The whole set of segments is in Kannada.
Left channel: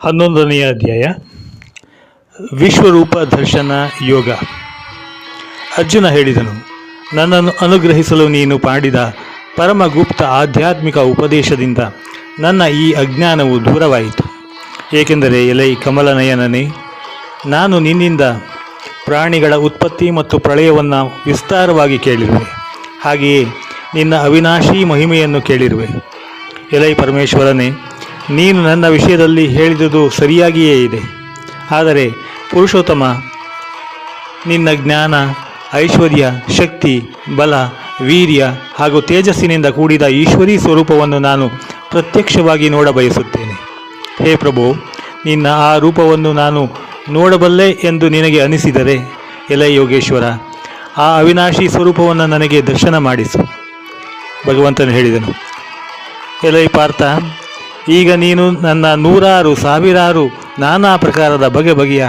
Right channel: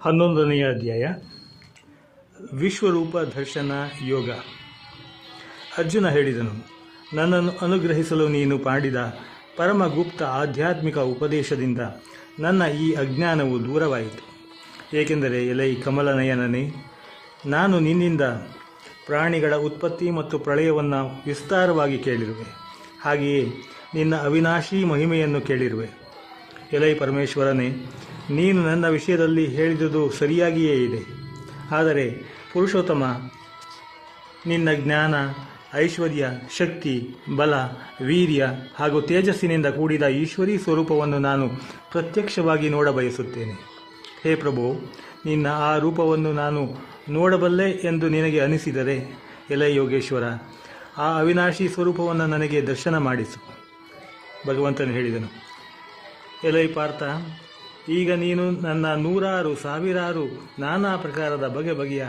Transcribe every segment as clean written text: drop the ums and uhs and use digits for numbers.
11ನೆಯ ಅಧ್ಯಾಯ ವಿಶ್ವರೂಪ ದರ್ಶನ ಯೋಗ. ಅರ್ಜುನ ಹೇಳಿದನು, ನನ್ನನ್ನು ಅನುಗ್ರಹಿಸಲು ನೀನು ಮಾಡಿದ ಪರಮಗುಪ್ತ ಆಧ್ಯಾತ್ಮಿಕ ಉಪದೇಶದಿಂದ ನನ್ನ ಈ ಅಜ್ಞಾನವು ದೂರವಾಯಿತು. ಏಕೆಂದರೆ ಎಲೈ ಕಮಲನಯನನೇ, ನಾನು ನಿನ್ನಿಂದ ಪ್ರಾಣಿಗಳ ಉತ್ಪತ್ತಿ ಮತ್ತು ಪ್ರಳಯವನ್ನು ವಿಸ್ತಾರವಾಗಿ ಕೇಳಿರುವೆ. ಹಾಗೆಯೇ ನಿನ್ನ ಅವಿನಾಶಿ ಮಹಿಮೆಯನ್ನು ಕೇಳಿರುವೆ. ಎಲೈ ಪರಮೇಶ್ವರನೇ, ನೀನು ನನ್ನ ವಿಷಯದಲ್ಲಿ ಹೇಳಿದುದು ಸರಿಯಾಗಿಯೇ ಇದೆ. ಆದರೆ ಪುರುಷೋತ್ತಮ, ನಿನ್ನ ಜ್ಞಾನ, ಐಶ್ವರ್ಯ, ಶಕ್ತಿ, ಬಲ, ವೀರ್ಯ ಹಾಗೂ ತೇಜಸ್ಸಿನಿಂದ ಕೂಡಿದ ಈಶ್ವರೀ ಸ್ವರೂಪವನ್ನು ನಾನು ಪ್ರತ್ಯಕ್ಷವಾಗಿ ನೋಡಬಯಸುತ್ತೇನೆ. ಹೇ ಪ್ರಭು, ನಿನ್ನ ಆ ರೂಪವನ್ನು ನಾನು ನೋಡಬಲ್ಲೆ ಎಂದು ನಿನಗೆ ಅನಿಸಿದರೆ, ಎಲೈ ಯೋಗೇಶ್ವರ, ಆ ಅವಿನಾಶಿ ಸ್ವರೂಪವನ್ನು ನನಗೆ ದರ್ಶನ ಮಾಡಿಸು. ಭಗವಂತನು ಹೇಳಿದನು, ಎಲೈ ಪಾರ್ಥ, ಈಗ ನೀನು ನನ್ನ ನೂರಾರು ಸಾವಿರಾರು ನಾನಾ ಪ್ರಕಾರದ ಬಗೆ ಬಗೆಯ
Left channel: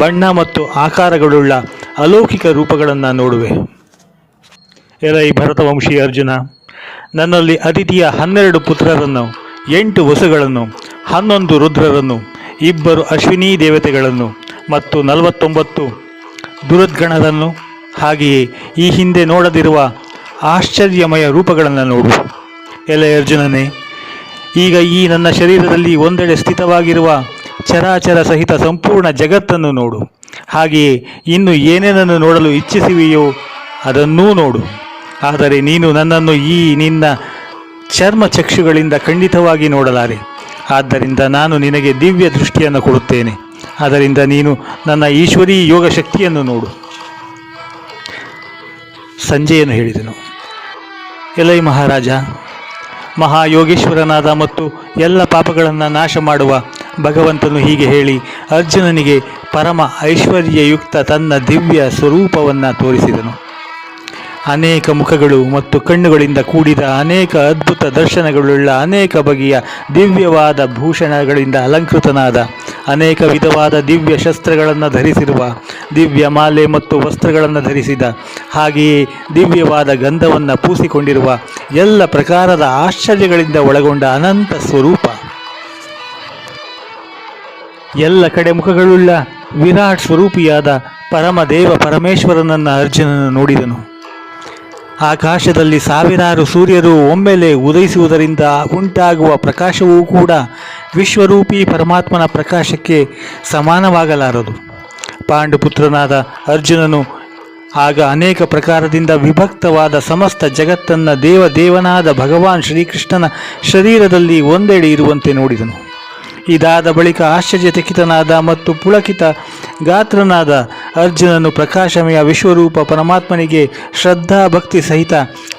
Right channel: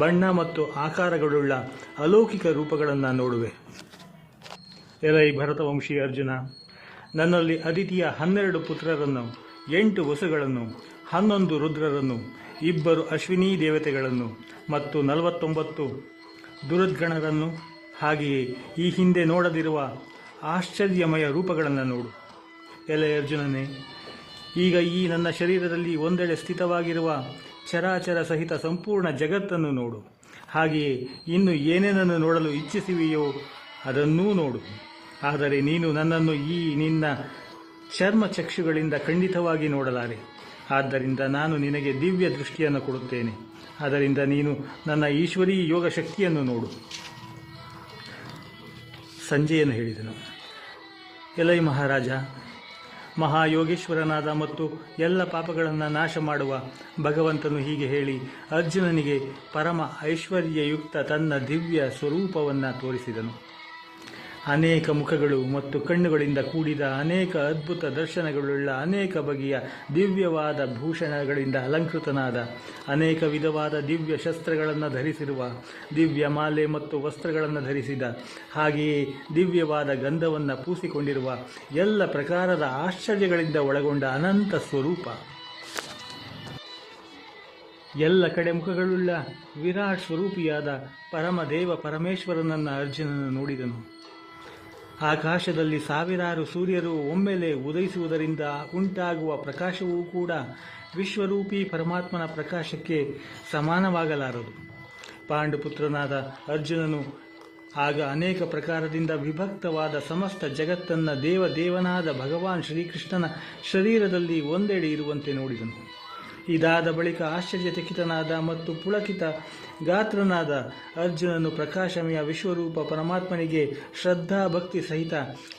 ಬಣ್ಣ ಮತ್ತು ಆಕಾರಗಳುಳ್ಳ ಅಲೌಕಿಕ ರೂಪಗಳನ್ನು ನೋಡುವೆ. ಎಲೈ ಭರತವಂಶಿ ಅರ್ಜುನ, ನನ್ನಲ್ಲಿ ಅತಿಥಿಯ 12 ಪುತ್ರರನ್ನು, 8 ವಸುಗಳನ್ನು, 11 ರುದ್ರರನ್ನು, 2 ಅಶ್ವಿನಿ ದೇವತೆಗಳನ್ನು ಮತ್ತು 49 ದುರುದ್ಗಣರನ್ನು, ಹಾಗೆಯೇ ಈ ಹಿಂದೆ ನೋಡದಿರುವ ಆಶ್ಚರ್ಯಮಯ ರೂಪಗಳನ್ನು ನೋಡು. ಎಲೈ ಅರ್ಜುನನೇ, ಈಗ ಈ ನನ್ನ ಶರೀರದಲ್ಲಿ ಒಂದೆಡೆ ಸ್ಥಿತವಾಗಿರುವ ಚರಾಚರ ಸಹಿತ ಸಂಪೂರ್ಣ ಜಗತ್ತನ್ನು ನೋಡು. ಹಾಗೆಯೇ ಇನ್ನು ಏನೇನನ್ನು ನೋಡಲು ಇಚ್ಛಿಸುವೆಯೋ ಅದನ್ನೂ ನೋಡು. ಆದರೆ ನೀನು ನನ್ನನ್ನು ಈ ನಿನ್ನ ಚರ್ಮ ಚಕ್ಷುಗಳಿಂದ ಖಂಡಿತವಾಗಿ ನೋಡಲಾರೆ. ಆದ್ದರಿಂದ ನಾನು ನಿನಗೆ ದಿವ್ಯ ದೃಷ್ಟಿಯನ್ನು ಕೊಡುತ್ತೇನೆ. ಆದ್ದರಿಂದ ನೀನು ನನ್ನ ಈಶ್ವರೀ ಯೋಗ ಶಕ್ತಿಯನ್ನು ನೋಡು. ಸಂಜಯನು ಹೇಳಿದನು, ಎಲೈ ಮಹಾರಾಜ, ಮಹಾಯೋಗೇಶ್ವರನಾದ ಮತ್ತು ಎಲ್ಲ ಪಾಪಗಳನ್ನು ನಾಶ ಮಾಡುವ ಭಗವಂತನು ಹೀಗೆ ಹೇಳಿ ಅರ್ಜುನನಿಗೆ ಪರಮ ಐಶ್ವರ್ಯಯುಕ್ತ ತನ್ನ ದಿವ್ಯ ಸ್ವರೂಪವನ್ನು ತೋರಿಸಿದನು. ಅನೇಕ ಮುಖಗಳು ಮತ್ತು ಕಣ್ಣುಗಳಿಂದ ಕೂಡಿದ ಅನೇಕ ಅದ್ಭುತ ದರ್ಶನಗಳುಳ್ಳ ಅನೇಕ ಬಗೆಯ ದಿವ್ಯವಾದ ಭೂಷಣಗಳಿಂದ ಅಲಂಕೃತನಾದ ಅನೇಕ ವಿಧವಾದ ದಿವ್ಯ ಶಸ್ತ್ರಗಳನ್ನು ಧರಿಸಿರುವ, ದಿವ್ಯ ಮಾಲೆ ಮತ್ತು ವಸ್ತ್ರಗಳನ್ನು ಧರಿಸಿದ, ಹಾಗೆಯೇ ದಿವ್ಯವಾದ ಗಂಧವನ್ನು ಪೂಸಿಕೊಂಡಿರುವ, ಎಲ್ಲ ಪ್ರಕಾರದ ಆಶ್ಚರ್ಯಗಳಿಂದ ಒಳಗೊಂಡ ಅನಂತ ಸ್ವರೂಪ, ಎಲ್ಲ ಕಡೆ ಮುಖಗಳುಳ್ಳ ವಿರಾಟ್ ಸ್ವರೂಪಿಯಾದ ಪರಮದೇವ ಪರಮೇಶ್ವರನನ್ನು ಅರ್ಜುನನು ನೋಡಿದನು. ಆಕಾಶದಲ್ಲಿ ಸಾವಿರಾರು ಸೂರ್ಯರು ಒಮ್ಮೆಲೆ ಉದಯಿಸುವುದರಿಂದ ಉಂಟಾಗುವ ಪ್ರಕಾಶವೂ ಕೂಡ ವಿಶ್ವರೂಪಿ ಪರಮಾತ್ಮನ ಪ್ರಕಾಶಕ್ಕೆ ಸಮಾನವಾಗಲಾರದು. ಪಾಂಡುಪುತ್ರನಾದ ಅರ್ಜುನನು ಆಗ ಅನೇಕ ಪ್ರಕಾರದಿಂದ ವಿಭಕ್ತವಾದ ಸಮಸ್ತ ಜಗತ್ತನ್ನು ದೇವನಾದ ಭಗವಾನ್ ಶ್ರೀಕೃಷ್ಣನ ಶರೀರದಲ್ಲಿ ಒಂದೆಡೆ ಇರುವಂತೆ ನೋಡಿದನು. ಇದಾದ ಬಳಿಕ ಆಶ್ಚರ್ಯಚಕಿತನಾದ ಮತ್ತು ಪುಳಕಿತ ಗಾತ್ರನಾದ ಅರ್ಜುನನು ಪ್ರಕಾಶಮಯ ವಿಶ್ವರೂಪ ಪರಮಾತ್ಮನಿಗೆ ಶ್ರದ್ಧಾ ಭಕ್ತಿ ಸಹಿತ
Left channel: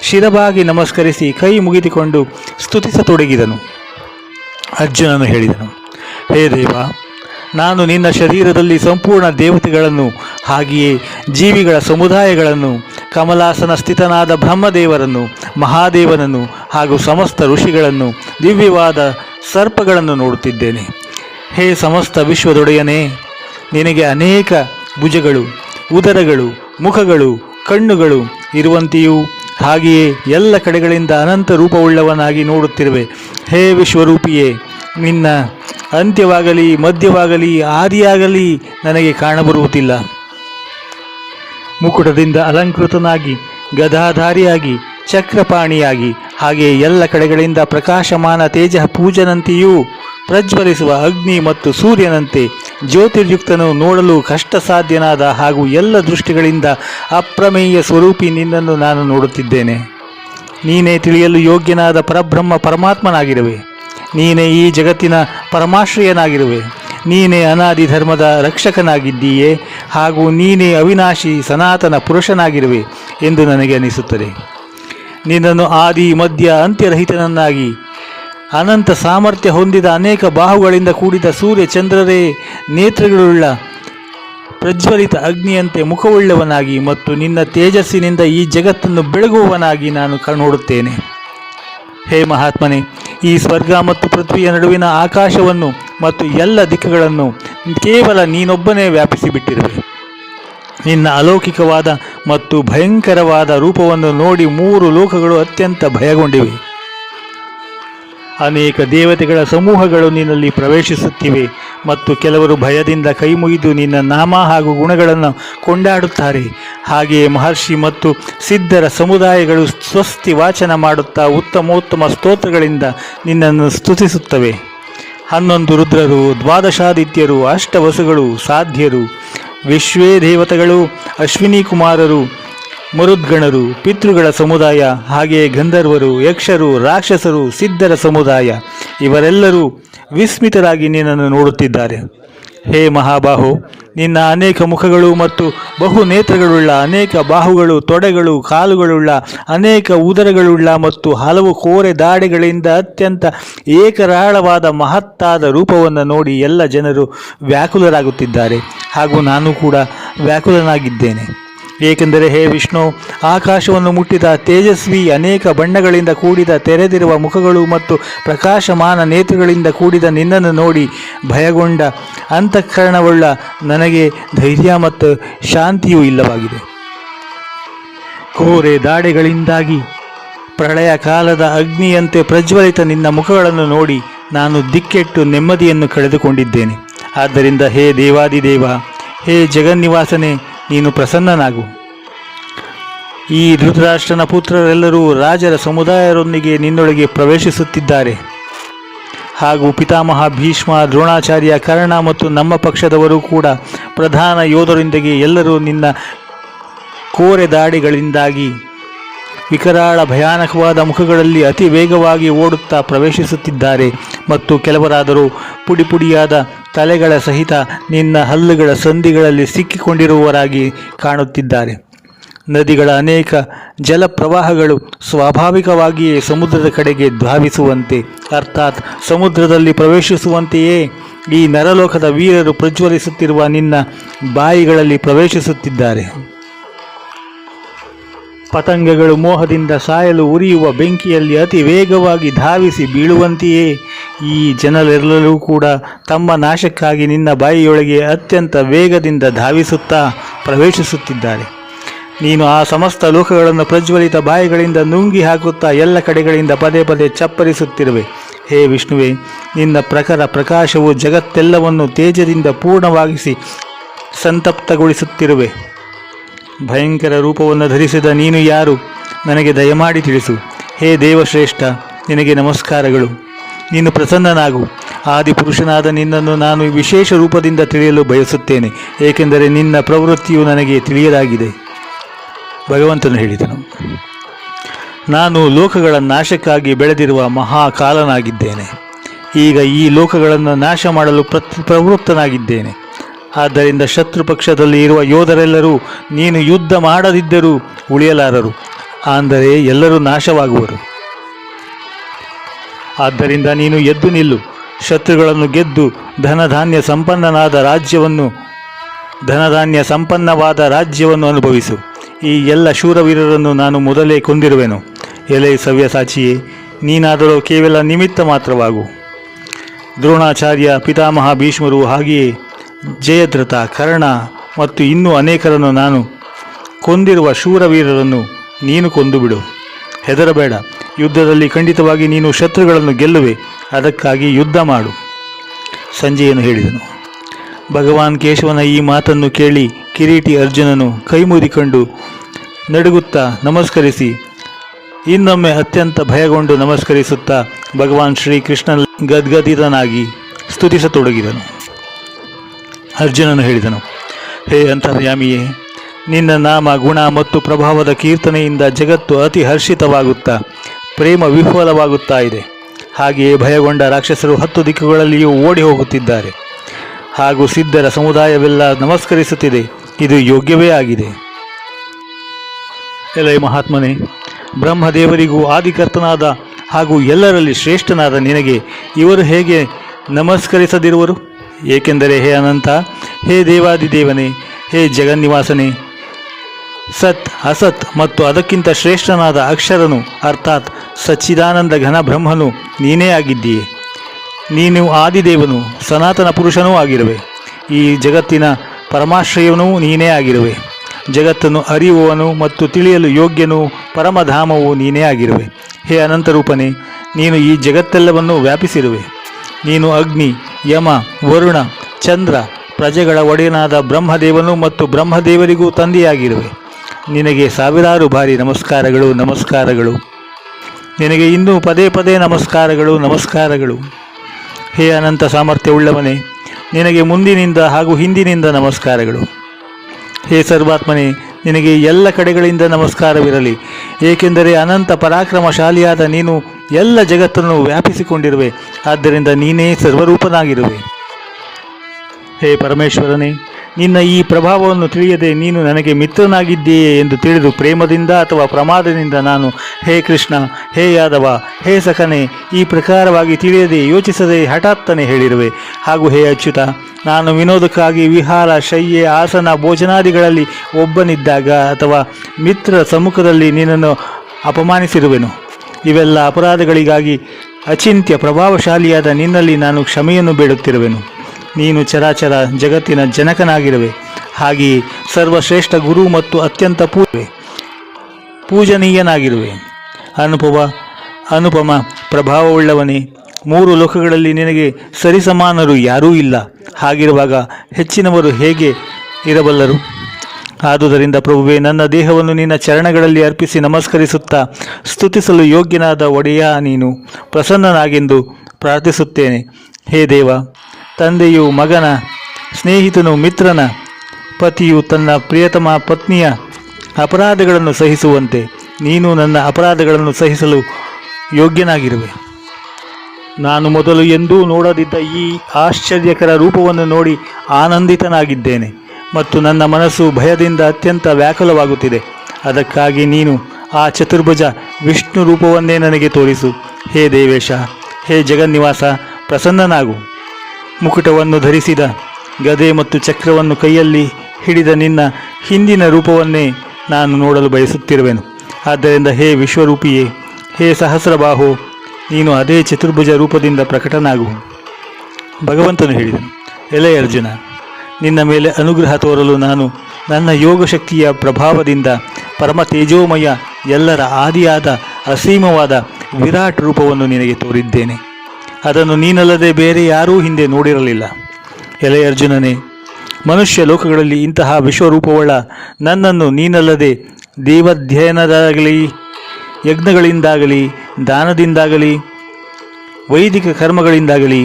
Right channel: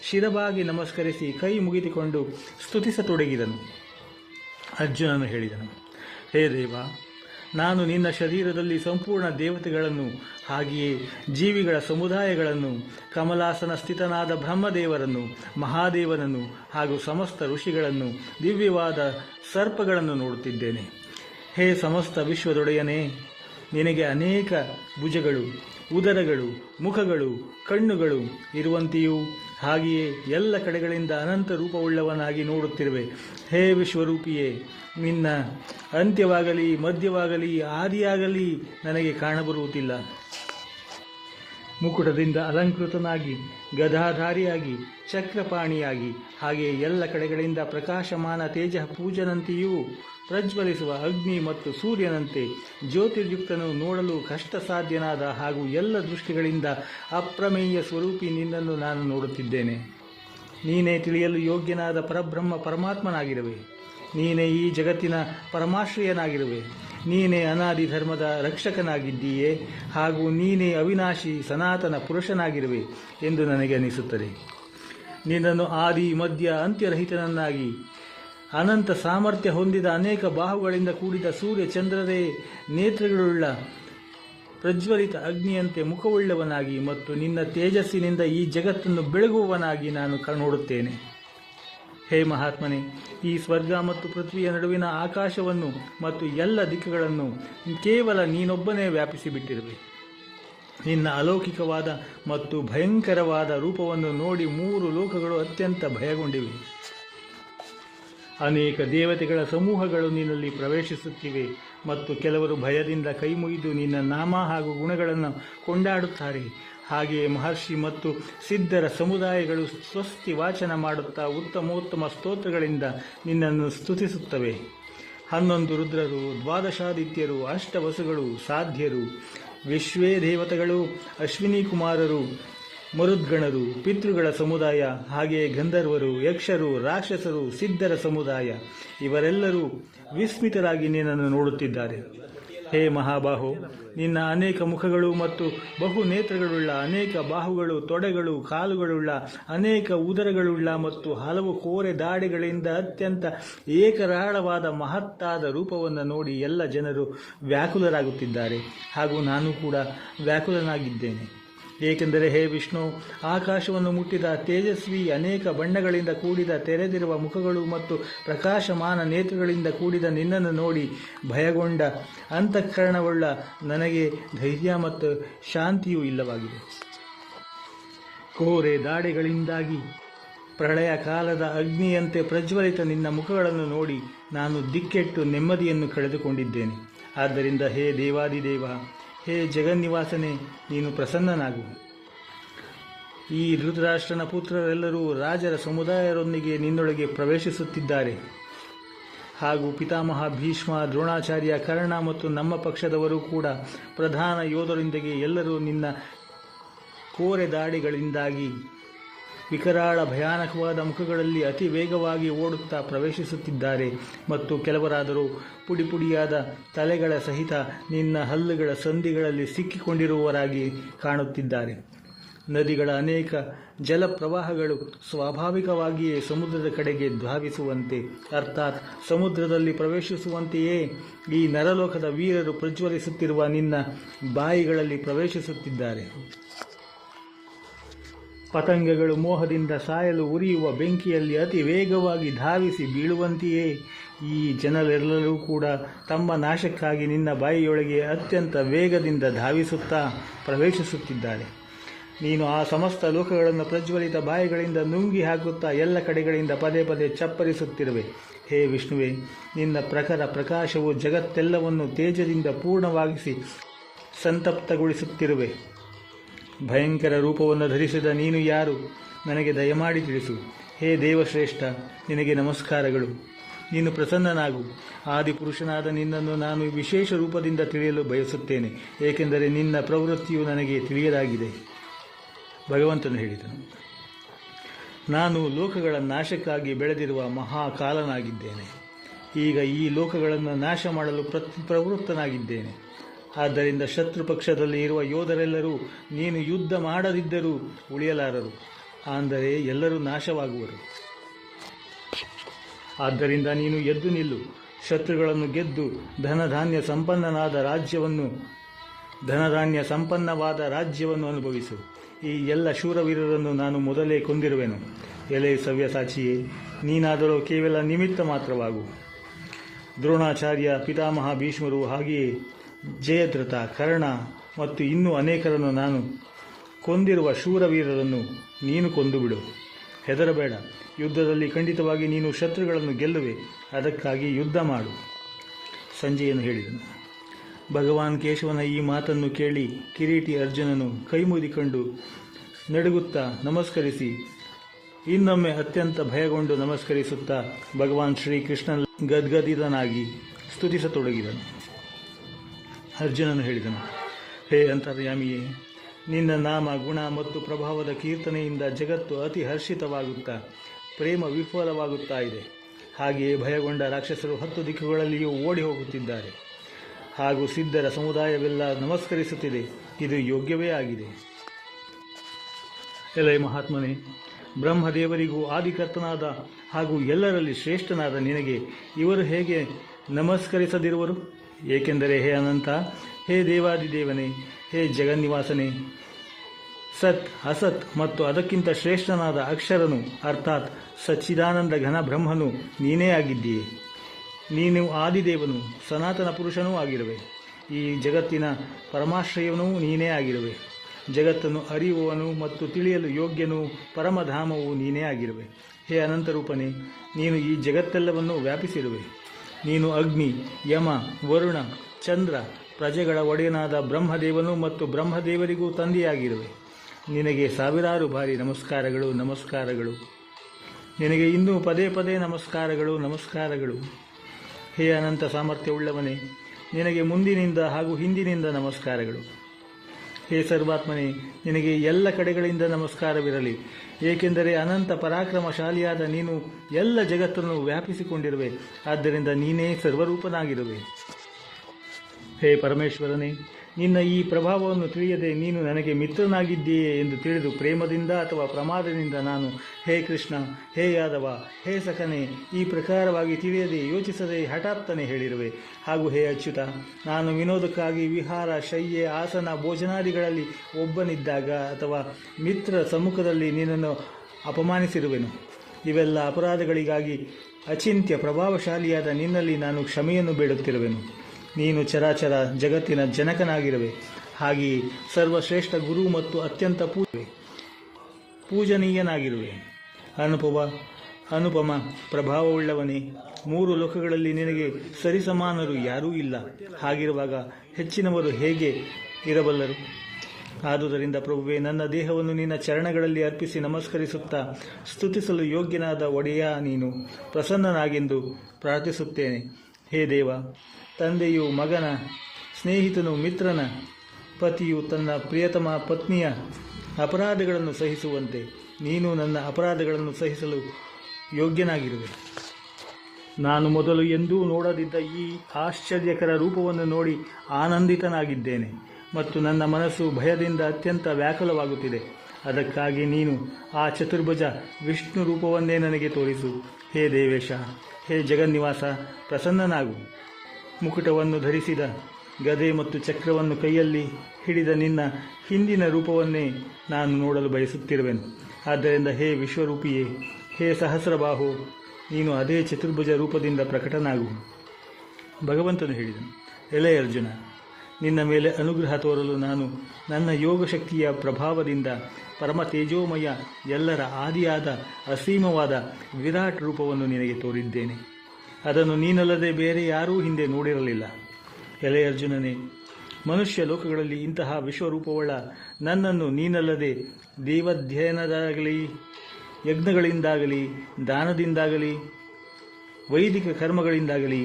ಶಿರಬಾಗಿ ನಮಸ್ಕರಿಸಿ ಕೈ ಮುಗಿದುಕೊಂಡು ಸ್ತುತಿಸತೊಡಗಿದನು. ಅರ್ಜುನನು ಹೇಳಿದನು, ಹೇ ದೇವ, ನಾನು ನಿನ್ನ ಶರೀರದಲ್ಲಿ ಸಂಪೂರ್ಣ ದೇವತೆಗಳನ್ನು, ಹಾಗೆಯೇ ಜೀವಿಗಳ ಸಮುದಾಯಗಳನ್ನು, ಕಮಲಾಸನ ಸ್ಥಿತನಾದ ಬ್ರಹ್ಮದೇವರನ್ನು, ಮಹಾದೇವನನ್ನು ಹಾಗೂ ಸಮಸ್ತ ಋಷಿಗಳನ್ನು, ದಿವ್ಯವಾದ ಸರ್ಪಗಳನ್ನು ನೋಡುತ್ತಿದ್ದೇನೆ. ಹೇ ಸಮಸ್ತ ವಿಶ್ವದೊಡೆಯನೇ, ನಿನಗೆ ಅನೇಕ ಭುಜಗಳು, ಉದರಗಳು, ಮುಖಗಳು, ಕಣ್ಣುಗಳು ಇರುವಂತೆಯೂ ಹಾಗೆಯೇ ಎಲ್ಲ ಕಡೆಗಳಿಂದ ಅನಂತ ರೂಪವುಳ್ಳವನಾಗಿ ನೋಡುತ್ತಿರುವೆ. ಹೇ ವಿಶ್ವರೂಪಿಯೇ, ನಿನ್ನ ಅಂತ್ಯವಾಗಲಿ ಮಧ್ಯವಾಗಲಿ ಆದಿಯಾಗಲಿ ನನಗೆ ಕಾಣಬರುವುದಿಲ್ಲ. ಮುಕುಟದಿಂದ ಅಲಂಕೃತನಾಗಿ, ಗದಾಧಾರಿಯಾಗಿ, ಚಕ್ರಪಾಣಿಯಾಗಿ, ಹಾಗೆಯೇ ಎಲ್ಲ ಕಡೆಗಳಿಂದ ಪ್ರಕಾಶಮಾನ ತೇಜ ಪೂಜನಂತೆಯೂ ಪ್ರಜ್ವಲಿಸುವ ಅಗ್ನಿ ಮತ್ತು ಸೂರ್ಯನಂತೆ ಜ್ಯೋತಿರ್ಯುಕ್ತನು, ನೋಡಲು ಕಷ್ಟ ಸಾಧ್ಯನಾದ ಹಾಗೂ ಎಲ್ಲ ದೃಷ್ಟಿಗಳಿಂದ ಅಪ್ರಮೇಯ ಸ್ವರೂಪಿ ನಿನ್ನನ್ನು ನಾನು ನೋಡುತ್ತಿದ್ದೇನೆ. ನೀನೇ ತಿಳಿಯಲು ಯೋಗ್ಯನಾದ ಪರಬ್ರಹ್ಮ ಪರಮಾತ್ಮನಾಗಿರುವೆ. ನೀನೇ ಈ ಜಗತ್ತಿನ ಪರಮಾಶ್ರಯನಾಗಿರುವೆ. ನೀನೇ ಅನಾದಿ ಧರ್ಮದ ರಕ್ಷಕನಾಗಿದ್ದೀಯೇ ಹಾಗೂ ನೀನೇ ಅವಿನಾಶಿ ಸನಾತನ ಪುರುಷನಾಗಿರುವೆ ಎಂದು ನನಗೆ ಅನಿಸುತ್ತದೆ. ನಿನ್ನನ್ನು ಆದಿ ಮಧ್ಯ ಅಂತ್ಯರಹಿತನನ್ನಾಗಿ, ಅನಂತ ಸಾಮರ್ಥ್ಯ ಹೊಂದಿದ ಅನೇಕ ಬಾಹುಗಳಿಂದ ಕೂಡಿದ ಸೂರ್ಯ ಚಂದ್ರರೇ ನೇತ್ರಗಳುಳ್ಳ ಪ್ರಜ್ವಲಿತ ಅಗ್ನಿಯಂತೆ ಮುಖವುಳ್ಳವನಾಗಿ ಮತ್ತು ನಿನ್ನ ತೇಜಸ್ಸಿನಿಂದ ಈ ಜಗತ್ತನ್ನು ಬೆಳಗುವವನಾಗಿ ನಾನು ನೋಡುತ್ತೇನೆ. ಹೇ ಮಹಾತ್ಮನೇ, ಈ ಸ್ವರ್ಗ ಮತ್ತು ಪೃಥ್ವಿಯ ನಡುವಿನ ಆಕಾಶವನ್ನು ಮತ್ತು ಎಲ್ಲ ದಿಕ್ಕುಗಳನ್ನು ಕೇವಲ ನೀನೊಬ್ಬನೇ ವ್ಯಾಪಿಸಿಬಿಟ್ಟಿರುವೆ. ನಿನ್ನ ಅಲೌಕಿಕವಾದ ಮತ್ತು ಭಯಂಕರವಾದ ರೂಪವನ್ನು ನೋಡಿ 3 ಲೋಕಗಳು ಅತ್ಯಂತ ಭಯಗೊಂಡಿವೆ. ಅನೇಕ ದೇವತೆಗಳ ಸಮೂಹಗಳು ನಿನ್ನಲ್ಲಿ ಪ್ರವೇಶಿಸುತ್ತಿವೆ ಮತ್ತು ಕೆಲವರು ಭಯದಿಂದ ಕೈಮುಗಿದು ನಿನ್ನ ನಾಮ ಹಾಗೂ ಗುಣಗಳನ್ನು ಕೊಂಡಾಡುತ್ತಾರೆ. ಹಾಗೆಯೇ ಮಹರ್ಷಿ ಮತ್ತು ಸಿದ್ಧರ ಸಮುದಾಯಗಳು ಸ್ವಸ್ತಿ ವಾಚನ ಮಾಡುತ್ತಾ ಉತ್ತಮೋತ್ತಮ ಸ್ತೋತ್ರಗಳಿಂದ ನಿನ್ನನ್ನು ಸ್ತುತಿಸುತ್ತವೆ. 11 ರುದ್ರರು, ದ್ವಾದಶಾದಿತ್ಯರು, ಅಷ್ಟವಸುಗಳು, ಸಾಧ್ಯರು, ವಿಶ್ವೇ ದೇವತೆಗಳು, ಅಶ್ವಿನಿ ಕುಮಾರರು, ಮರುದ್ಗಣರು, ಪಿತೃಗಳ ಸಮುದಾಯ, ಹಾಗೆಯೇ ಗಂಧರ್ವರು, ಯಕ್ಷರು, ರಾಕ್ಷಸರು, ಸಿದ್ಧರ ಸಮುದಾಯ ಇವರೆಲ್ಲರೂ ವಿಸ್ಮಿತರಾಗಿ ನಿನ್ನನ್ನು ನೋಡುತ್ತಿದ್ದಾರೆ. ಹೇ ಮಹಾಬಾಹೋ, ನಿನ್ನ ಅನೇಕ ಮುಖಗಳು ಮತ್ತು ಬಹು ನೇತ್ರಗಳುಳ್ಳ, ಅನೇಕ ಬಾಹುಗಳು, ತೊಡೆಗಳು, ಕಾಲುಗಳುಳ್ಳ, ಅನೇಕ ಉದರಗಳುಳ್ಳ ಮತ್ತು ಹಲವು ಕೋರೆ ದಾಡೆಗಳಿಂದ ಅತ್ಯಂತ ಏಕರಾಳವಾದ ಮಹತ್ತಾದ ರೂಪವನ್ನು ನೋಡಿ ಎಲ್ಲ ಜನರು ವ್ಯಾಕುಲರಾಗುತ್ತಿದ್ದಾರೆ. ಹಾಗೂ ನಾನು ಕೂಡ ವ್ಯಾಕುಲನಾಗಿದ್ದೇನೆ. ಏಕೆಂದರೆ ಹೇ ವಿಷ್ಣು, ಆಕಾಶವನ್ನು ಮುಟ್ಟಿದ ತೇಜಸ್ವಿ ಅನೇಕ ಬಣ್ಣಗಳಿಂದ ಕೂಡಿದ ತೆರೆದಿರುವ ಮುಖಗಳು ಮತ್ತು ಪ್ರಕಾಶಮಾನ ನೇತ್ರಗಳಿಂದ ಕೂಡಿದ ನಿನ್ನನ್ನು ನೋಡಿ ಭಯಗೊಂಡ ಅಂತಃಕರಣವುಳ್ಳ ನನಗೆ ಧೈರ್ಯ ಮತ್ತು ಶಾಂತಿಯೂ ಇಲ್ಲವಾಗಿದೆ. ಕೋರೆ ದಾಡೆಗಳಿಂದಾಗಿ ಪ್ರಳಯ ಕಾಲದ ಅಗ್ನಿಯಂತೆ ಪ್ರಜ್ವಲಿತ ನಿನ್ನ ಮುಖಗಳನ್ನು ನೋಡಿ ನಾನು ದಿಕ್ಕೆಟ್ಟು ನೆಮ್ಮದಿಯನ್ನು ಕಳೆದುಕೊಂಡಿದ್ದೇನೆ. ಆದ್ದರಿಂದ ಹೇ ದೇವಾದಿದೇವ, ಹೇ ಜಗನ್ನಿವಾಸನೆ, ನೀನು ಪ್ರಸನ್ನನಾಗು. ಈ ಧೃತರಾಷ್ಟ್ರನ ಪುತ್ರರೆಲ್ಲರೂ ರಾಜರ ಸಮುದಾಯರೊಂದಿಗೆ ನಿನ್ನೊಳಗೆ ಪ್ರವೇಶಿಸುತ್ತಿದ್ದಾರೆ. ಹಾಗೂ ಪಿತಾಮಹ ಭೀಷ್ಮ, ದ್ರೋಣಾಚಾರ್ಯ, ಕರ್ಣ ಮತ್ತು ನಮ್ಮ ಪಕ್ಷದವರು ಕೂಡ ಪ್ರಧಾನ ಯೋಧರೊಂದಿಗೆ ಎಲ್ಲರೂ ನಿನ್ನ ಕೋರೆ ದಾಡಿಗಳಿಂದಾಗಿ ವಿಕರಾಳ ಭಯಾನಕವಾದ ಮುಖಗಳಲ್ಲಿ ಅತಿ ವೇಗವಾಗಿ ಓಡುತ್ತಾ ಪ್ರವೇಶಿಸುತ್ತಿದ್ದಾರೆ. ಮತ್ತು ಕೆಲವರಾದರೂ ಪುಡಿಪುಡಿಯಾದ ತಲೆಗಳ ಸಹಿತ ನಿನ್ನ ಹಲ್ಲುಗಳ ಸಂಧಿಗಳಲ್ಲಿ ಸಿಕ್ಕಿಕೊಂಡಿರುವವರಾಗಿ ಕಾಣುತ್ತಿದ್ದಾರೆ. ನದಿಗಳ ಅನೇಕ ಜಲಪ್ರವಾಹಗಳು ಸ್ವಾಭಾವಿಕವಾಗಿಯೇ ಸಮುದ್ರದ ಕಡೆಗೆ ಧಾವಿಸುವಂತೆ, ಅರ್ಥಾತ್ ಸಮುದ್ರದಲ್ಲಿ ಪ್ರವೇಶಿಸುವಂತೆಯೇ ಈ ನರಲೋಕದ ವೀರರು ಪ್ರಜ್ವಲಿಸುತ್ತಿರುವ ನಿನ್ನ ಬಾಯಿಗಳಲ್ಲಿ ಪ್ರವೇಶಿಸುತ್ತಿದ್ದಾರೆ. ಪತಂಗಗಳು ಮೋಹದಿಂದ ಸಾಯಲು ಉರಿಯುವ ಬೆಂಕಿಯಲ್ಲಿ ಅತಿ ವೇಗವಾಗಿ ಧಾವಿಸಿ ಬೀಳುವಂತೆಯೇ ಈ ಜನರೆಲ್ಲರೂ ಕೂಡ ತಮ್ಮ ನಾಶಕ್ಕಾಗಿ ನಿನ್ನ ಬಾಯಿಯೊಳಗೆ ಅತ್ಯಂತ ವೇಗದಿಂದ ಧಾವಿಸುತ್ತಾ ಪ್ರವೇಶಿಸುತ್ತಿದ್ದಾರೆ. ನೀನು ಆ ಸಮಸ್ತ ಲೋಕಗಳನ್ನು ಪ್ರಜ್ವಲಿತ ಬಾಯಿಗಳಿಂದ ನುಂಗಿ ಹಾಕುತ್ತಾ ಎಲ್ಲ ಕಡೆಗಳಿಂದ ಪದೇ ಪದೇ ಚಪ್ಪರಿಸುತ್ತಿರುವೆ. ಹೇ ವಿಷ್ಣುವೇ, ನಿನ್ನ ಪ್ರಖರ ಪ್ರಕಾಶವು ಜಗತ್ತೆಲ್ಲವನ್ನು ತೇಜದಿಂದ ಪೂರ್ಣವಾಗಿಸಿ ಸಂತಪ್ತಗೊಳಿಸುತ್ತಿರುವೆ. ಭಯಂಕರ ರೂಪವನ್ನು ಧರಿಸಿದ ನೀನು ಯಾರು? ನನಗೆ ದಯಮಾಡಿ ತಿಳಿಸು. ಹೇ ದೇವಶ್ರೇಷ್ಠ, ನಿನಗೆ ನಮಸ್ಕಾರಗಳು. ನೀನು ಪ್ರಸನ್ನನಾಗು. ಆದಿಪುರುಷನಾದ ನಿನ್ನನ್ನು ನಾನು ವಿಶೇಷ ರೂಪದಿಂದ ತಿಳಿಯಲು ಬಯಸುತ್ತೇನೆ, ಏಕೆಂದರೆ ನಿನ್ನ ಪ್ರವೃತ್ತಿಯು ನನಗೆ ತಿಳಿಯಲಾಗಿದೆ. ಭಗವಂತನು ಹೇಳಿದನು, ನಾನು ಲೋಕಗಳ ನಾಶಕ್ಕಾಗಿ ಬೆಳೆದಿರುವ ಮಹಾಕಾಲನಾಗಿದ್ದೇನೆ. ಈಗ ಈ ಲೋಕಗಳನ್ನು ನಾಶ ಮಾಡಲು ಪ್ರವೃತ್ತನಾಗಿದ್ದೇನೆ. ಆದ್ದರಿಂದ ಶತ್ರು ಪಕ್ಷದಲ್ಲಿ ಇರುವ ಯೋಧರೆಲ್ಲರೂ ನೀನು ಯುದ್ಧ ಮಾಡದಿದ್ದರೂ ಉಳಿಯಲಾರರು, ಅಂದರೆ ಎಲ್ಲರೂ ನಾಶವಾಗುವರು. ಆದ್ದರಿಂದ ನೀನು ಎದ್ದು ನಿಲ್ಲು. ಶತ್ರುಗಳನ್ನು ಗೆದ್ದು ಧನಧಾನ್ಯ ಸಂಪನ್ನವಾದ ರಾಜ್ಯವನ್ನು ಅನುಭವಿಸು. ಈ ಎಲ್ಲ ಶೂರವೀರರನ್ನು ನಾನು ಮೊದಲೇ ಕೊಂದಿರುವೆನು. ಎಲೆ ಸವ್ಯಸಾಚಿಯೇ, ನೀನಾದರೂ ಕೇವಲ ನಿಮಿತ್ತ ಮಾತ್ರವಾಗು. ದ್ರೋಣಾಚಾರ್ಯ, ಪಿತಾಮಹ ಭೀಷ್ಮರು, ಹಾಗೆಯೇ ಜಯದ್ರಥ, ಕರ್ಣ ಮತ್ತು ಇನ್ನೂ ಅನೇಕರನ್ನು ನಾನು ಕೊಂದಿರುವ ಶೂರವೀರರನ್ನು ನೀನು ಕೊಂದುಬಿಡು. ಹೆದರಬೇಡ. ಯುದ್ಧದಲ್ಲಿ ಖಂಡಿತವಾಗಿ ನೀನು ಶತ್ರುಗಳನ್ನು ಗೆಲ್ಲುವೆ. ಅದಕ್ಕಾಗಿ ಯುದ್ಧ ಮಾಡು. ಸಂಜಯನು ಹೇಳಿದನು. ಭಗವಾನ್ ಕೇಶವನ ಈ ಮಾತನ್ನು ಕೇಳಿ ಕಿರೀಟಿ ಅರ್ಜುನನು ಕೈಮುದಿಕೊಂಡು ನಡುಗುತ್ತಾ ನಮಸ್ಕರಿಸಿ, ಇನ್ನೊಮ್ಮೆ ಅತ್ಯಂತ ಭಯಗೊಂಡು ನಮಸ್ಕರಿಸುತ್ತಾ ಭಗವಾನ್ ಶ್ರೀಕೃಷ್ಣ ಗದ್ಗದಿತನಾಗಿ ಸ್ತುತಿಸತೊಡಗಿದನು. ಅರ್ಜುನನು ಹೇಳಿದನು, ಹೇ ಅಂತರ್ಯಾಮಿಯೇ, ನಿನ್ನ ನಾಮ, ಗುಣ ಮತ್ತು ಪ್ರಭಾವದ ಕೀರ್ತನೆಯಿಂದ ಜಗತ್ತು ಅತಿ ಹರ್ಷಿತವಾಗುತ್ತಾ ಪ್ರೇಮ ವಿಫಲವಾಗುತ್ತಾ ಇದೆ. ಹಾಗೆಯೇ ಭಯಗೊಂಡ ರಾಕ್ಷಸರು 10 ದಿಕ್ಕುಗಳಲ್ಲಿಯೂ ಓಡಿ ಹೋಗುತ್ತಿದ್ದಾರೆ. ಹಾಗೂ ಸಿದ್ಧರ ಸಮುದಾಯವೆಲ್ಲ ನಮಸ್ಕರಿಸುತ್ತಿದೆ. ಇದು ಯೋಗ್ಯವೇ ಆಗಿದೆ. ಎಲೈ ಮಹಾತ್ಮನೇ, ಬ್ರಹ್ಮದೇವರಿಗೂ ಆದಿಕರ್ತನಾದ ಹಾಗೂ ಎಲ್ಲರಲ್ಲಿ ಶ್ರೇಷ್ಠನಾದ ನಿನಗೆ ಇವರು ಹೇಗೆ ನಮಸ್ಕರಿಸದಿರುವರು? ಏಕೆಂದರೆ ಹೇ ಅನಂತ, ಹೇ ದೇವಾದಿದೇವನೇ, ಹೇ ಜಗನ್ನಿವಾಸನೇ, ಸತ್, ಅಸತ್ ಮತ್ತು ಅದಕ್ಕಿಂತ ಶ್ರೇಷ್ಠನಾದ ಅಕ್ಷರನು ಅರ್ಥಾತ್ ಸಚ್ಚಿದಾನಂದ ಘನ ಬ್ರಹ್ಮನು ನೀನೇ ಆಗಿದ್ದೀಯೆ. ನೀನು ಆದಿದೇವನು, ಸನಾತನ ಪುರುಷನೂ ಆಗಿರುವೆ. ಈ ಜಗತ್ತಿನ ಪರಮಾಶ್ರಯವನೂ ನೀನೇ ಆಗಿರುವೆ. ಜಗತ್ತನ್ನು ಅರಿಯುವವನು ಮತ್ತು ತಿಳಿಯಲು ಯೋಗ್ಯನೂ ಪರಮಧಾಮವೂ ನೀನೇ ಆಗಿರುವೆ. ಹೇ ಅನಂತರೂಪನೇ, ನೀನು ಈ ಜಗತ್ತೆಲ್ಲವನ್ನೂ ವ್ಯಾಪಿಸಿರುವೆ. ನೀನು ಅಗ್ನಿ, ಯಮ, ವರುಣ, ಚಂದ್ರ, ಪ್ರಜೆಗಳ ಒಡೆಯನಾದ ಬ್ರಹ್ಮದೇವನು ಮತ್ತು ಬ್ರಹ್ಮದೇವರಿಗೂ ತಂದೆಯಾಗಿರುವೆ. ನಿನಗೆ ಸಾವಿರಾರು ಬಾರಿ ನಮಸ್ಕಾರಗಳು, ನಮಸ್ಕಾರಗಳು. ನಿನಗೆ ಇನ್ನೂ ಪದೇ ಪದೇ ನಮಸ್ಕಾರಗಳು, ನಮಸ್ಕಾರಗಳು. ಹೇ ಅನಂತ ಸಾಮರ್ಥ್ಯವುಳ್ಳವನೇ, ನಿನಗೆ ಮುಂದಿನಿಂದ ಹಾಗೂ ಹಿಂದಿನಿಂದ ನಮಸ್ಕಾರಗಳು. ಹೇ ಸರ್ವಾತ್ಮನೇ, ನಿನಗೆ ಎಲ್ಲ ಕಡೆಗಳಿಂದ ನಮಸ್ಕಾರವಿರಲಿ, ಏಕೆಂದರೆ ಅನಂತ ಪರಾಕ್ರಮಶಾಲಿಯಾದ ನೀನು ಎಲ್ಲ ಜಗತ್ತನ್ನು ವ್ಯಾಪಿಸಿಕೊಂಡಿರುವೆ. ಆದ್ದರಿಂದ ನೀನೇ ಸರ್ವರೂಪನಾಗಿರುವೆ. ಹೇ ಪರಮೇಶ್ವರನೇ, ನಿನ್ನ ಈ ಪ್ರಭಾವವನ್ನು ತಿಳಿಯದೆ ನೀನು ನನಗೆ ಮಿತ್ರನಾಗಿದ್ದೀಯೇ ಎಂದು ತಿಳಿದು ಪ್ರೇಮದಿಂದ ಅಥವಾ ಪ್ರಮಾದದಿಂದ ನಾನು ಹೇ ಕೃಷ್ಣ, ಹೇ ಯಾದವ, ಹೇ ಸಖನೆ ಈ ಪ್ರಕಾರವಾಗಿ ತಿಳಿಯದೆ ಯೋಚಿಸದೆ ಹಠಾತ್ತನೆ ಹೇಳಿರುವೆ. ಹಾಗೂ ಹೇ ಅಚ್ಯುತ, ನಾನು ವಿನೋದಕ್ಕಾಗಿ ವಿಹಾರ, ಶಯ್ಯೆ, ಆಸನ, ಭೋಜನಾದಿಗಳಲ್ಲಿ ಒಬ್ಬನಿದ್ದಾಗ ಅಥವಾ ಮಿತ್ರ ಸಮ್ಮುಖದಲ್ಲಿ ನಿನ್ನನ್ನು ಅಪಮಾನಿಸಿರುವೆನು. ಇವೆಲ್ಲ ಅಪರಾಧಗಳಿಗಾಗಿ ಅಚಿಂತ್ಯ ಪ್ರಭಾವಶಾಲಿಯಾದ ನಿನ್ನಲ್ಲಿ ನಾನು ಕ್ಷಮೆಯನ್ನು ಬೇಡುತ್ತಿರುವೆನು. ನೀನು ಚರಾಚರ ಜಗತ್ತಿನ ಜನಕನಾಗಿರುವೆ. ಹಾಗೆಯೇ ಸರ್ವಶ್ರೇಷ್ಠ ಗುರು ಮತ್ತು ಅತ್ಯಂತ ಪೂಜನೀಯನಾಗಿರುವೆ. ಅನುಪಮ ಪ್ರಭಾವವುಳ್ಳವನೇ, 3 ಲೋಕಗಳಲ್ಲಿ ನಿನಗೆ ಸರಿಸಮಾನರು ಯಾರೂ ಇಲ್ಲ. ಹಾಗಿರುವಾಗ ಹೆಚ್ಚಿನವರು ಹೇಗೆ ಇರಬಲ್ಲರು? ಆದುದರಿಂದ ಪ್ರಭುವೇ, ನನ್ನ ದೇಹವನ್ನು ನಿನ್ನ ಚರಣಗಳಲ್ಲಿ ಅರ್ಪಿಸಿ ನಮಸ್ಕರಿಸುತ್ತಾ ಸ್ತುತಿಸಲು ಯೋಗ್ಯನಾದ ಒಡೆಯ ನೀನು ಪ್ರಸನ್ನನಾಗೆಂದು ಪ್ರಾರ್ಥಿಸುತ್ತೇನೆ. ಹೇ ದೇವ, ತಂದೆಯು ಮಗನ, ಸ್ನೇಹಿತನು ಮಿತ್ರನ, ಪತಿಯು ತನ್ನ ಪ್ರಿಯತಮ ಪತ್ನಿಯ ಅಪರಾಧಗಳನ್ನು ಸಹಿಸುವಂತೆ ನೀನು ನನ್ನ ಅಪರಾಧಗಳನ್ನು ಸಹಿಸಲು ಯೋಗ್ಯನಾಗಿರುವೆ. ನಾನು ಮೊದಲು ಎಂದೂ ನೋಡದಿದ್ದ ಈ ಆಶ್ಚರ್ಯಕರ ರೂಪವನ್ನು ನೋಡಿ ಆನಂದಿತನಾಗಿದ್ದೇನೆ ಮತ್ತು ನನ್ನ ಮನಸ್ಸು ಭಯದಿಂದ ಅತ್ಯಂತ ವ್ಯಾಕುಲವಾಗುತ್ತಿದೆ. ಅದಕ್ಕಾಗಿ ನೀನು ಆ ಚತುರ್ಭುಜ ವಿಷ್ಣು ರೂಪವನ್ನೇ ನನಗೆ ತೋರಿಸು. ಹೇ ದೇವೇಶ, ಹೇ ಜಗನ್ನಿವಾಸ, ಪ್ರಸನ್ನನಾಗು. ಮುಕುಟವನ್ನು ಧರಿಸಿದ, ಗದೆ ಮತ್ತು ಚಕ್ರವನ್ನು ಕೈಯಲ್ಲಿ ಹಿಡಿದ ನಿನ್ನ ಹಿಂದಿನ ರೂಪವನ್ನೇ ನಾನು ನೋಡಲು ಬಯಸುತ್ತಿರುವೆನು. ಆದ್ದರಿಂದ ಹೇ ವಿಶ್ವರೂಪಿಯೇ, ಹೇ ಸಹಸ್ರಬಾಹೋ, ನೀನು ಅದೇ ಚತುರ್ಭುಜ ರೂಪದಿಂದ ಪ್ರಕಟನಾಗು. ಭಗವಂತನು ಹೇಳಿದನು, ಎಲೆ ಅರ್ಜುನ, ನಿನ್ನ ಮೇಲೆ ಅನುಗ್ರಹ ತೋರಲು ನಾನು ನನ್ನ ಯೋಗಶಕ್ತಿಯ ಪ್ರಭಾವದಿಂದ ಪರಮ ತೇಜೋಮಯ, ಎಲ್ಲರ ಆದಿಯಾದ ಅಸೀಮವಾದ ವಿರಾಟ್ ರೂಪವನ್ನು ನಿನಗೆ ತೋರಿದ್ದೇನೆ. ಅದನ್ನು ನೀನಲ್ಲದೆ ಬೇರೆ ಯಾರೂ ಹಿಂದೆ ನೋಡಿರಲಿಲ್ಲ. ಎಲೆ ಅರ್ಜುನನೇ, ಮನುಷ್ಯ ಲೋಕಗಳಲ್ಲಿ ಇಂತಹ ವಿಶ್ವರೂಪವುಳ್ಳ ನನ್ನನ್ನು ನೀನಲ್ಲದೆ ದೇವಾಧ್ಯಯನದಾಗಲಿ, ಯಜ್ಞಗಳಿಂದಾಗಲಿ, ದಾನದಿಂದಾಗಲಿ, ವೈದಿಕ ಕರ್ಮಗಳಿಂದಾಗಲಿ,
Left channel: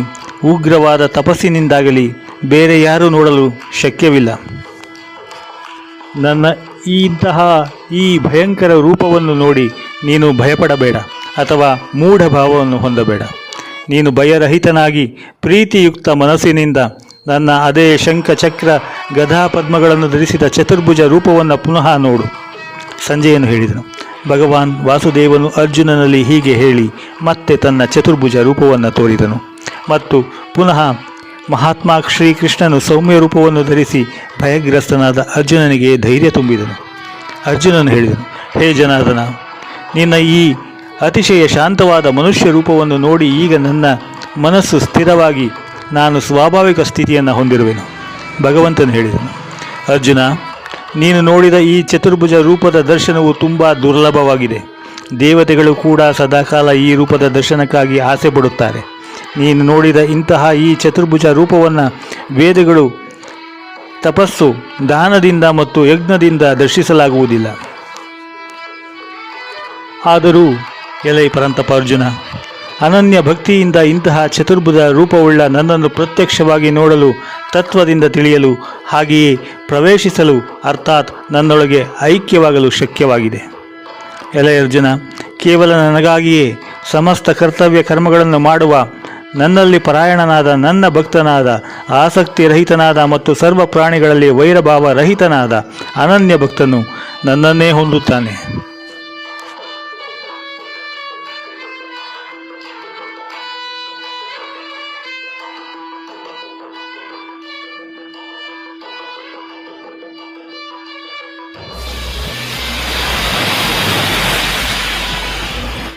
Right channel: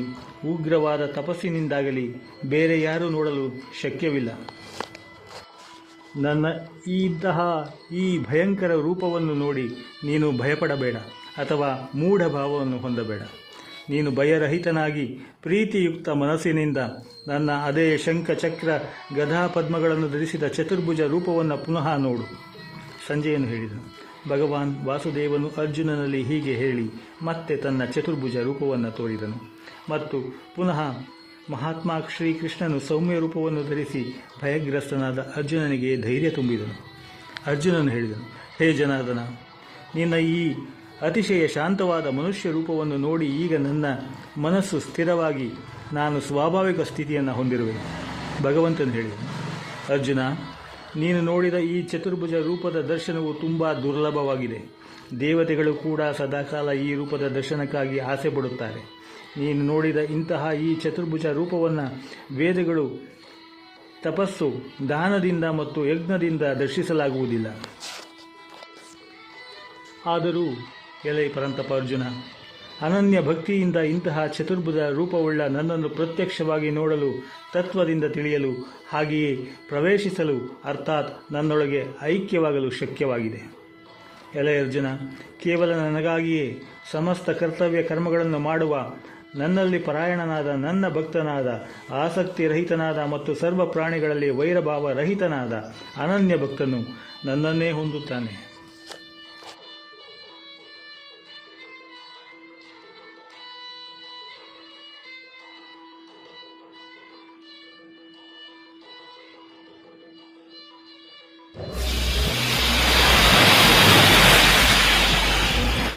ಉಗ್ರವಾದ ತಪಸ್ಸಿನಿಂದಾಗಲಿ ಬೇರೆ ಯಾರೂ ನೋಡಲು ಶಕ್ಯವಿಲ್ಲ. ನನ್ನ ಈ ಭಯಂಕರ ರೂಪವನ್ನು ನೋಡಿ ನೀನು ಭಯಪಡಬೇಡ ಅಥವಾ ಮೂಢಭಾವವನ್ನು ಹೊಂದಬೇಡ. ನೀನು ಭಯರಹಿತನಾಗಿ ಪ್ರೀತಿಯುಕ್ತ ಮನಸ್ಸಿನಿಂದ ನನ್ನ ಅದೇ ಶಂಖ, ಚಕ್ರ, ಗದಾ ಪದ್ಮಗಳನ್ನು ಧರಿಸಿದ ಚತುರ್ಭುಜ ರೂಪವನ್ನು ಪುನಃ ನೋಡು. ಸಂಜಯನು ಹೇಳಿದನು. ಭಗವಾನ್ ವಾಸುದೇವನು ಅರ್ಜುನನಲ್ಲಿ ಹೀಗೆ ಹೇಳಿ ಮತ್ತೆ ತನ್ನ ಚತುರ್ಭುಜ ರೂಪವನ್ನು ತೋರಿದನು ಮತ್ತು ಪುನಃ ಮಹಾತ್ಮ ಶ್ರೀಕೃಷ್ಣನು ಸೌಮ್ಯ ರೂಪವನ್ನು ಧರಿಸಿ ಭಯಗ್ರಸ್ತನಾದ ಅರ್ಜುನನಿಗೆ ಧೈರ್ಯ ತುಂಬಿದನು. ಅರ್ಜುನನು ಹೇಳಿದನು, ಹೇ ಜನಾರ್ದನ, ನಿನ್ನ ಈ ಅತಿಶಯ ಶಾಂತವಾದ ಮನುಷ್ಯ ರೂಪವನ್ನು ನೋಡಿ ಈಗ ನನ್ನ ಮನಸ್ಸು ಸ್ಥಿರವಾಗಿ ನಾನು ಸ್ವಾಭಾವಿಕ ಸ್ಥಿತಿಯನ್ನು ಹೊಂದಿರುವೆನು. ಭಗವಂತನು ಹೇಳಿದನು, ಅರ್ಜುನ, ನೀನು ನೋಡಿದ ಈ ಚತುರ್ಭುಜ ರೂಪದ ದರ್ಶನವು ತುಂಬ ದುರ್ಲಭವಾಗಿದೆ. ದೇವತೆಗಳು ಕೂಡ ಸದಾಕಾಲ ಈ ರೂಪದ ದರ್ಶನಕ್ಕಾಗಿ ಆಸೆ ಪಡುತ್ತಾರೆ. ನೀನು ನೋಡಿದ ಇಂತಹ ಈ ಚತುರ್ಭುಜ ರೂಪವನ್ನು ವೇದಗಳು ತಪಸ್ಸು, ದಾನದಿಂದ ಮತ್ತು ಯಜ್ಞದಿಂದ ದರ್ಶಿಸಲಾಗುವುದಿಲ್ಲ. ಆದರೂ ಎಲೈ ಪರಂತಪ ಅರ್ಜುನ, ಅನನ್ಯ ಭಕ್ತಿಯಿಂದ ಇಂತಹ ಚತುರ್ಭುಜ ರೂಪವುಳ್ಳ ನನ್ನನ್ನು ಪ್ರತ್ಯಕ್ಷವಾಗಿ ನೋಡಲು, ತತ್ವದಿಂದ ತಿಳಿಯಲು, ಹಾಗೆಯೇ ಪ್ರವೇಶಿಸಲು ಅರ್ಥಾತ್ ನನ್ನೊಳಗೆ ಐಕ್ಯವಾಗಲು ಶಕ್ಯವಾಗಿದೆ. ಎಲೈ ಅರ್ಜುನ, ಕೇವಲ ನನಗಾಗಿಯೇ ಸಮಸ್ತ ಕರ್ತವ್ಯ ಕರ್ಮಗಳನ್ನು ಮಾಡುವ, ನನ್ನಲ್ಲಿ ಪರಾಯಣನಾದ, ನನ್ನ ಭಕ್ತನಾದ, ಆಸಕ್ತಿ ರಹಿತನಾದ ಮತ್ತು ಸರ್ವ ಪ್ರಾಣಿಗಳಲ್ಲಿ ವೈರಭಾವ ರಹಿತನಾದ ಅನನ್ಯ ಭಕ್ತನು ನನ್ನನ್ನೇ ಹೊಂದುತ್ತಾನೆ.